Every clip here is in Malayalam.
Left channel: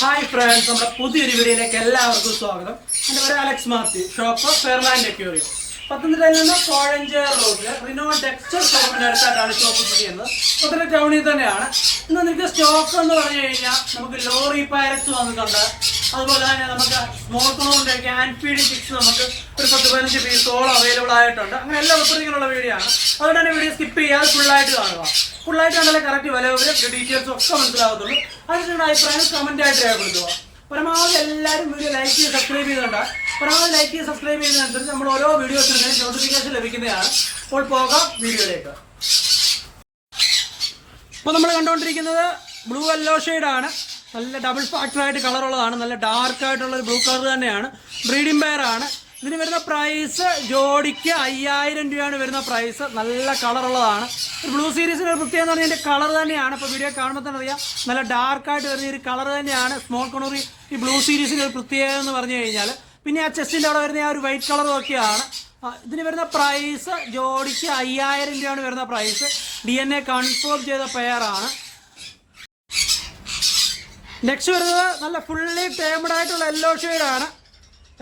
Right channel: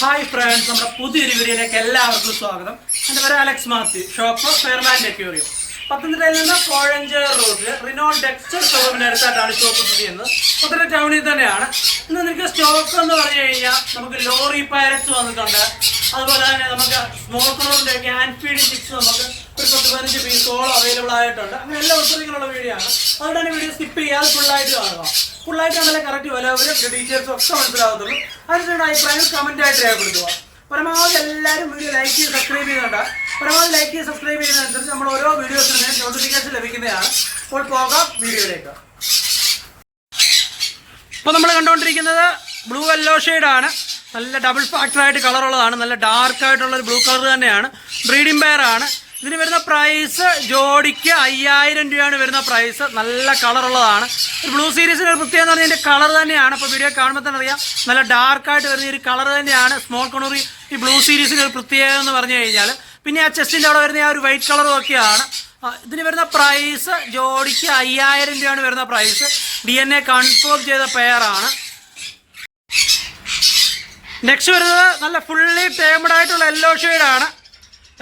ഹായ് ഫ്രണ്ട്സ് നമ്മുടെ പുതിയൊരു വീഡിയോയിലേക്ക് എല്ലാവർക്കും സ്വാഗതം. എന്റെ പേര് Alex Mathew shop Fairland aquarium പത്തനംതിട്ടയിൽ നിന്ന് കോഴഞ്ചേർ റോഡിൽ റിനോ ഡെക്സ്റ്റർ ഷോറൂമിന്റെ അടുത്തായിട്ടാണ് ഷോപ്പ് സ്ഥിതി ചെയ്യുന്നത് പത്തനംതിട്ട ടൗണിൽ തന്നെയാണ്. ഇന്ന് നിങ്ങൾക്ക് സ്റ്റോക്ക് എന്ന് പറഞ്ഞു കഴിഞ്ഞാൽ നമുക്ക് ലോറി പാരറ്റ്സ് വന്നിട്ടുണ്ട്. അതുപോലെ തന്നെ നമുക്ക് സ്മോൾ ക്യാൻ ഫീഡിംഗ് ചിക്സ് നമുക്ക് ഒരു പത്ത് പതിനഞ്ച് പീസോളം അവൈലബിൾ ആയിട്ടുണ്ട്. അങ്ങനെ എല്ലാ ഉത്തരങ്ങളുള്ള വീഡിയോ ആണ്. അതുകൊണ്ട് തന്നെ വീഡിയോ സ്കിപ്പ് ചെയ്യാതെ ഫുള്ളായിട്ട് കാണുക. ഫുള്ളായിട്ട് കണ്ടാലേ കറക്റ്റ് വില വരും. ഡീറ്റെയിൽസ് ഒക്കെ മനസ്സിലാകത്തുള്ളൂ. അതിനുള്ള അഭിപ്രായം ആയിട്ട് രേഖപ്പെടുത്തുക. പരമാവധി എല്ലാവരും വീഡിയോ ലൈക്ക് ചെയ്ത് സബ്സ്ക്രൈബ് ചെയ്യുന്നുണ്ട് പരമാവധി ലൈക്ക് ചെയ്ത് സബ്സ്ക്രൈബ് ചെയ്യുന്നതനുസരിച്ച് നമ്മൾ ഓരോ വീഡിയോസിനും നോട്ടിഫിക്കേഷൻ ലഭിക്കുന്നതാണ്. അപ്പോൾ പോകാം വീഡിയോയിലേക്ക്. ഇപ്പോൾ നമ്മൾ കണ്ടുകൊണ്ടിരിക്കുന്നത് ബ്ലൂ യെല്ലോ ആണ്. നല്ല ഡബിൾ ഫാക്ടറായിട്ട് കളറുള്ളതാണ് നല്ല ഡാർക്ക് ആയിട്ടുള്ള ഒരു ബ്ലൂ കളർ തന്നെയാണ്. ബ്രീഡിംഗ് പെയർ ആണ്. ഇതിന് വരുന്ന പ്രൈസ് ജോഡിക്ക് അയ്യായിരം രൂപയാണ് വരുന്ന പ്രൈസ് നല്ല കളറുള്ളതാണ് ഒരു ബ്ലൂ സീരീസിന് ഒരു പ്രത്യേകത എന്ന് പറഞ്ഞാൽ ഇതിന്റെ കളർ തന്നെയാണ്. ഇപ്പോൾ വീഡിയോ കാണുമ്പോൾ തന്നെ അറിയാം. നല്ല ഡാർക്കായിട്ട് വരുന്ന ഒരു കളർ തന്നെയാണ്. സ്മോൾ കൊണൂറി ഈ ബ്ലൂ സീരീസിന് ഒരു പ്രത്യേകത എന്ന് പറഞ്ഞു കഴിഞ്ഞാൽ പിന്നെ ആ ചെസ്റ്റിന്റെ അവിടെ വരുന്ന ആ ഒരു വൈറ്റ് കളറും ഒക്കെയാണ്. ഇതിന് വരുന്ന പ്രൈസ് ജോഡിക്ക് അയ്യായിരം രൂപയാണ് വരുന്ന price D N A confirm ചെയ്ത പെയറാണ് നെക്സ്റ്റ് വരുന്നത് നല്ല ഫുള്ളി ടേമഡ് ആയിട്ടുള്ള യെല്ലോ ആണ്.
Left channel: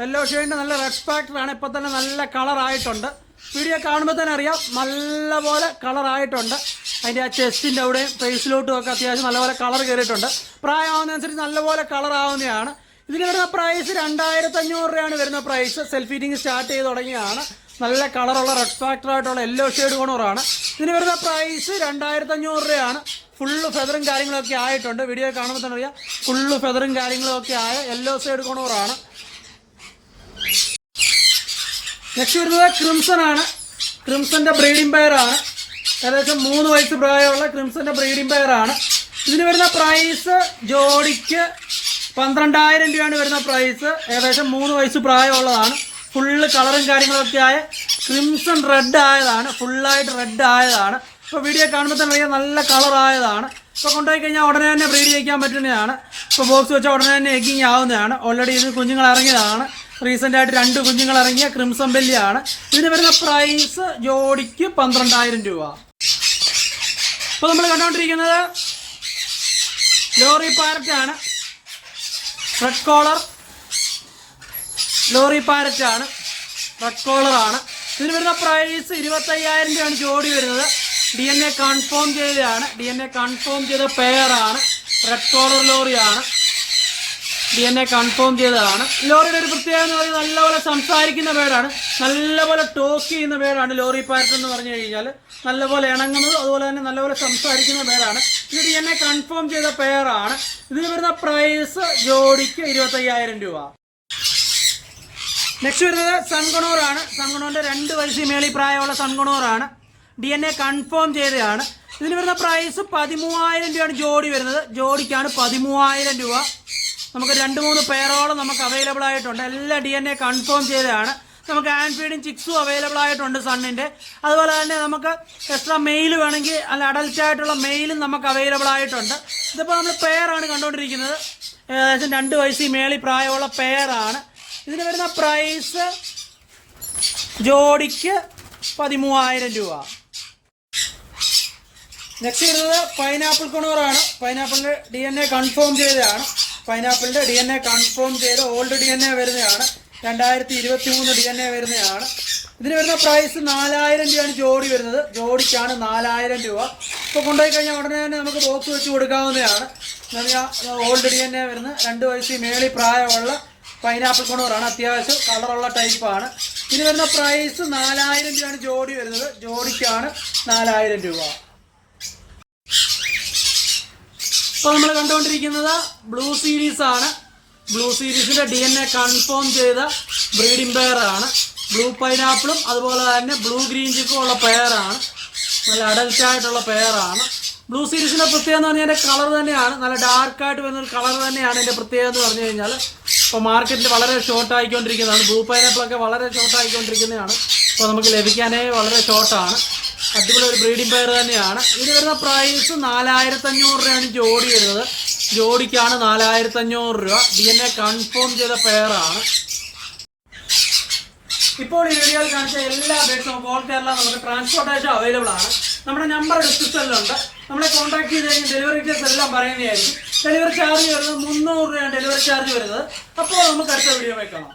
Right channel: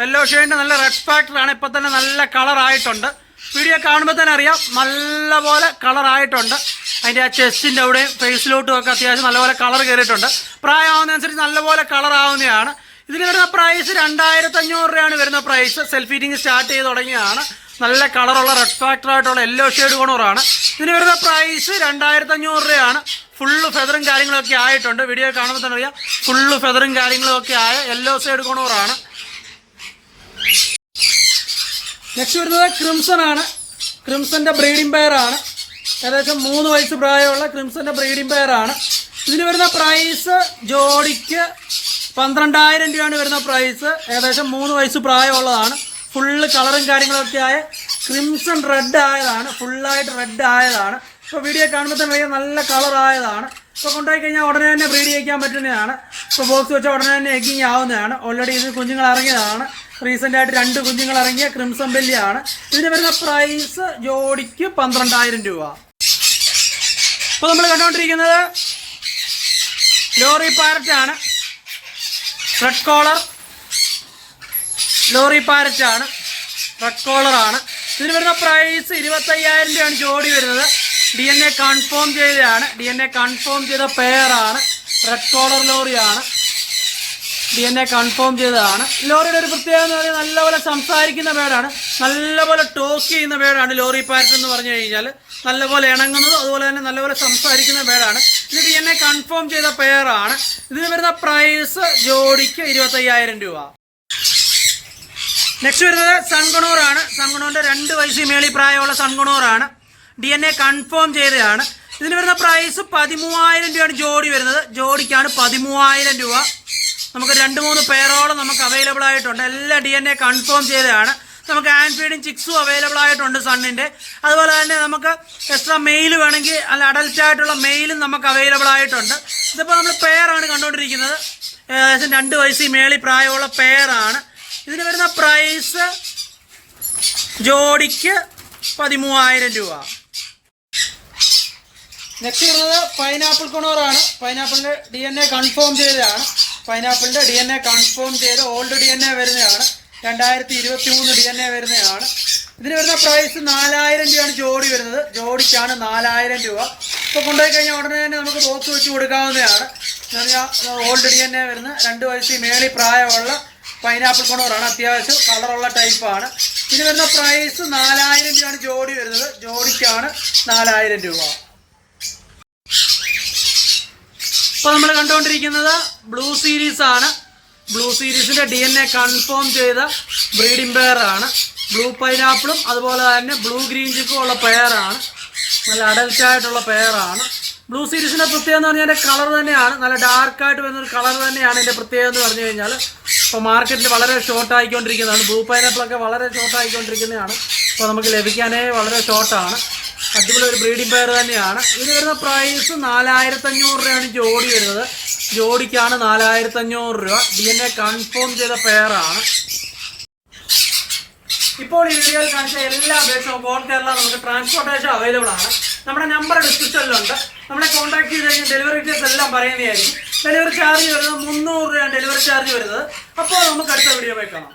യെല്ലോ ഷെയ്ഡിന്റെ നല്ല റെഡ് ഫാക്ടറാണ് ഇപ്പം തന്നെ നല്ല കളറായിട്ടുണ്ട് വീഡിയോ കാണുമ്പോൾ തന്നെ അറിയാം നല്ലപോലെ കളറായിട്ടുണ്ട് അതിന്റെ ആ ചെസ്റ്റിന്റെ അവിടെയും ഫേസിലോട്ടും ഒക്കെ അത്യാവശ്യം നല്ലപോലെ കളർ കയറിയിട്ടുണ്ട് പ്രായമാവുന്നതനുസരിച്ച് നല്ലപോലെ കളറാവുന്നതാണ് ഇതിന് വരുന്ന പ്രൈസ് രണ്ടായിരത്തി അഞ്ഞൂറ് രൂപയാണ് വരുന്ന പ്രൈസ് സെൽഫ് ഹീറ്റിംഗ് സ്റ്റാർട്ട് ചെയ്ത് തുടങ്ങിയതാണ്. നല്ല കളറുള്ള റെഡ് ഫാക്ടർ ആയിട്ടുള്ള യെല്ലോ ഷെയ്ഡ് ഗുണറാണ് ഇതിന് വരുന്ന പ്രൈസ് രണ്ടായിരത്തി അഞ്ഞൂറ് രൂപയാണ്. ഫുള്ള് ഫെദറും കാര്യങ്ങളൊക്കെ ആയിട്ടുണ്ട്. വീഡിയോ കാണുമ്പോൾ തന്നെ അറിയാം. ഫുള്ള് ഫെദറും കാര്യങ്ങളും ഒക്കെ ആയ യെല്ലോ സൈഡ് കോണോറാണ് നെക്സ്റ്റ് വരുന്നത് ക്രിംസൺ ആണ്. ക്രിംസന്റെ ബ്രീഡിംഗ് പെയർ ആണ്. ഏകദേശം മൂന്ന് വയസ്സ് പ്രായമുള്ള ക്രിംസന്റെ ബ്രീഡിംഗ് പെയർ ആണ്. ഇതിന് വരുന്ന പ്രൈസ് ജോഡിക്ക് പന്ത്രണ്ടായിരം രൂപയാണ് വരുന്ന പ്രൈസ് ഏകദേശം മൂന്ന് വയസ്സ് പ്രായമുള്ളതാണ്. ഫുള്ള് കളറും കാര്യങ്ങളൊക്കെ ആയ ക്രിംസൺ റെഡ് ആയതാണ്. ഫുള്ളായിട്ട് റെഡ് ആയതാണ്. ഇപ്പോൾ വീഡിയോ കാണുമ്പോൾ തന്നെ അറിയാം നല്ല കളറായതാണ് ഇപ്പോൾ കൊണ്ടുപോയി കഴിഞ്ഞാൽ ഉടനെ തന്നെ ബ്രീഡ് ചെയ്യിക്കാൻ പറ്റുന്നതാണ്. ഇപ്പോൾ ബോക്സ് വെച്ചാൽ ഉടനെ തന്നെ എഗ്ഗിങ് ആവുന്നതാണ്. ഓൾറെഡി ഇതിന് കുഞ്ഞുങ്ങൾ ഇറങ്ങിയതാണ്. റീസെന്റ് ആയിട്ട് രണ്ട് കുഞ്ഞുങ്ങൾ ഇറങ്ങിയ ക്രിംസൺ ബെല്ലിയാണ് ഇതിന് വരുന്ന പ്രൈസ് ജോഡിക്ക് പന്ത്രണ്ടായിരം രൂപ. ഇപ്പോൾ നമ്മൾ കണ്ടുകൊണ്ടിരിക്കുന്നത് ലോറി പാരറ്റാണ് റെഡ് കോളർ ലോറി പാരറ്റാണ് റെഡ് കോളറാണ് ഇതിന് വരുന്ന പ്രൈസ് ഇരുപത്തയ്യായിരം രൂപയാണ് ജോഡി വരുന്നത്. ഡി എൻ എ കൺഫേം ചെയ്തതാണ്. ഡി എൻ എ കൺഫേം ചെയ്ത പെയറാണ് റെഡ് കോളർ ലോറിയാണ്. ഡി എൻ എ കൺഫേം ചെയ്തതാണ്. ലോറിയുടെ ഒരു പ്രത്യേകത എന്ന് പറഞ്ഞാൽ നല്ലപോലെ സംസാരിക്കുന്ന പേരാണ്. നല്ലപോലെ ടോക്ക് ചെയ്യുന്ന പേരാണ് ലോറി പാരറ്റ് എന്ന് പറഞ്ഞു കഴിഞ്ഞാൽ. നല്ലപോലെ ഇണങ്ങുന്നത് അതുപോലെ തന്നെ നല്ലപോലെ സംസാരിക്കുന്ന പേരാണ്. ഇത് ഡി എൻ എ കൺഫേം ചെയ്ത പെയറാണ് ഇതിന് വരുന്ന പ്രൈസ് ജോഡിക്ക് ഇരുപത്തയ്യായിരം രൂപ. നെക്സ്റ്റ് വരുന്നത് സൺഗുണോറാണ് സൺഗണോറിന്റെ രണ്ട് വയസ്സിൽ മേളിൽ പ്രായമുള്ള സൺഗുണോറാണ് ഡി എൻ എ കൺഫേം ചെയ്തതാണ്. ഇതിന് വരുന്ന പ്രൈസ് പതിമൂവായിരം രൂപയാണ് ജോഡി വരുന്നത്. ജോഡിക്കാണ് പതിമൂവായിരം രൂപ. നമുക്ക് രണ്ട് മൂന്ന് പേരോളം നമുക്ക് അവൈലബിൾ ആയിട്ടുണ്ട്. എല്ലാ ഡി എൻ എ കൺഫേം ചെയ്തതാണ്. നമുക്ക് ആൻഫീഡും ചിക്സും അവൈലബിൾ ആയിട്ടുണ്ട് സണ്ണിന്റെ അതുപോലെ തന്നെ നമുക്ക് എക്സ്ട്രാ മെയിൽ വേണമെങ്കിൽ അല്ല അഡൽറ്റ് ആയിട്ടുള്ള മെയിലും നമുക്ക് അവൈലബിൾ ആയിട്ടുണ്ട്. ഇതിപ്പോൾ നമ്മൾ പെയറാണ് കണ്ടുകൊണ്ടിരിക്കുന്നത് ഏകദേശം രണ്ട് വയസ്സിൽ മേളിൽ പ്രായമുള്ള പെയറാണ് ഇതിന് വരുന്ന പ്രൈസ് ജോഡിക്ക് പതിമൂവായിരം രൂപ. നെക്സ്റ്റ് വരുന്നത് പൈനാപ്പിൾ കുണോറാണ് പൈനാപ്പിളിന്റെ ഡി എൻ എ കൺഫേം ചെയ്തതാണ്. പൈനാപ്പിളിന്റെ ഡി എൻ എ കൺഫേം ചെയ്ത് ഓൾഡ് ഡി എൻ എ വരുന്നതാണ്. രണ്ടായിരത്തി ഇരുപത്തി മൂന്ന് ഡി എൻ എ വരുന്നതാണ്. ഇതിന് വരുന്ന പ്രൈസ് നാലായിരം രൂപയാണ് ജോഡി വരുന്നത്. ജോഡിക്കാണ് നാലായിരം രൂപ. ഇപ്പോൾ കൊണ്ടുപോയി കഴിഞ്ഞാൽ ഉടനെ തന്നെ നമുക്ക് ബോക്സ് വെച്ച് കൊടുക്കാവുന്നതാണ്. എന്ന് പറഞ്ഞാൽ ഓൾഡ് ഡി എൻ എ വരുന്ന രണ്ട് വയസ്സിൽ മേളി പ്രായമുള്ള പൈനാപ്പിൾ കൊണൂറാണ് അത്യാവശ്യം കളറുള്ള ടൈപ്പാണ് ഇതിന് വരുന്ന പ്രൈസ് നാലായിരം രൂപയാണ് ജോഡി വരുന്നത്. ജോഡിക്കാണ് നാലായിരം രൂപ. ഇപ്പോൾ നമ്മൾ കണ്ടുകൊണ്ടിരിക്കുന്നത് ബ്ലൂ സീരീസ് ആണ്. ബ്ലൂ സീരീസിന്റെ ഡി എൻ എ കൺഫേം ചെയ്ത ബ്രീഡിംഗ് പെയർ ആണ്. ബ്ലൂ പൈനാപ്പിളും അതുപോലെ തന്നെ ബ്ലൂ ഗ്രീൻ ചിക്കും ഉള്ള പെയറാണ് നല്ല അഡൽറ്റ് ആയിട്ടുള്ള പെയറാണ് ബ്ലൂ സീരീസിന്റെ പ്രത്യേകത എന്ന് പറഞ്ഞാൽ കളർ തന്നെയാണ്. നല്ല ഡാർക്ക് ആയിട്ട് വരുന്ന ഒരു കളർ തന്നെയാണ് ഇതിന്റെ പ്രത്യേകത എന്ന് പറഞ്ഞു കഴിഞ്ഞാൽ ഇപ്പോൾ മാർക്കറ്റിൽ വളരെ ഷോർട്ട് ആയിക്കൊണ്ടിരിക്കുന്നതാണ്. ബ്ലൂ പൈനാപ്പിളൊക്കെ വളരെ ഷോർട്ട് ആയിക്കൊണ്ടിരിക്കുന്നതാണ്. അപ്പോൾ നമുക്ക് ലഭിക്കാനേ വളരെ ഷോർട്ടാണ് അടിപൊളി ഒരു ബ്രീഡിംഗ് പെയർ തന്നെയാണ്. ഇതിന് വരുന്ന പ്രൈസ് നാലായിരത്തി അഞ്ഞൂറ് രൂപയാണ് ജോഡി വരുന്നത്. ജോഡിക്കാണ് നാലായിരത്തി അഞ്ഞൂറ് രൂപ. ഡി എൻ എ കൺഫേം ചെയ്ത പെയറാണ് ഇപ്പോൾ ഈ വീഡിയോയിൽ കാണിച്ച എല്ലാ നമുക്ക് ഓൾ കേരള നമുക്ക് ട്രാൻസ്പോർട്ടേഷൻ അവൈലബിൾ ആണ്. നമ്മുടെ നമ്പർ ഡിസ്ക്രിപ്ഷനിലുണ്ട് നമ്മളെ കോൺടാക്ട് ചെയ്ത് കഴിഞ്ഞാൽ ഡെലിവറി ഡീറ്റെയിൽസ് എല്ലാം പറയുന്നതായിരിക്കും. ഡെലിവറി ചാർജ് വരുന്നത് മുന്നൂറ് രൂപയാണ് ഡെലിവറി ചാർജ് വരുന്നത്. അപ്പോൾ നമുക്ക് അടുത്ത വീഡിയോ പോയി കാണാം.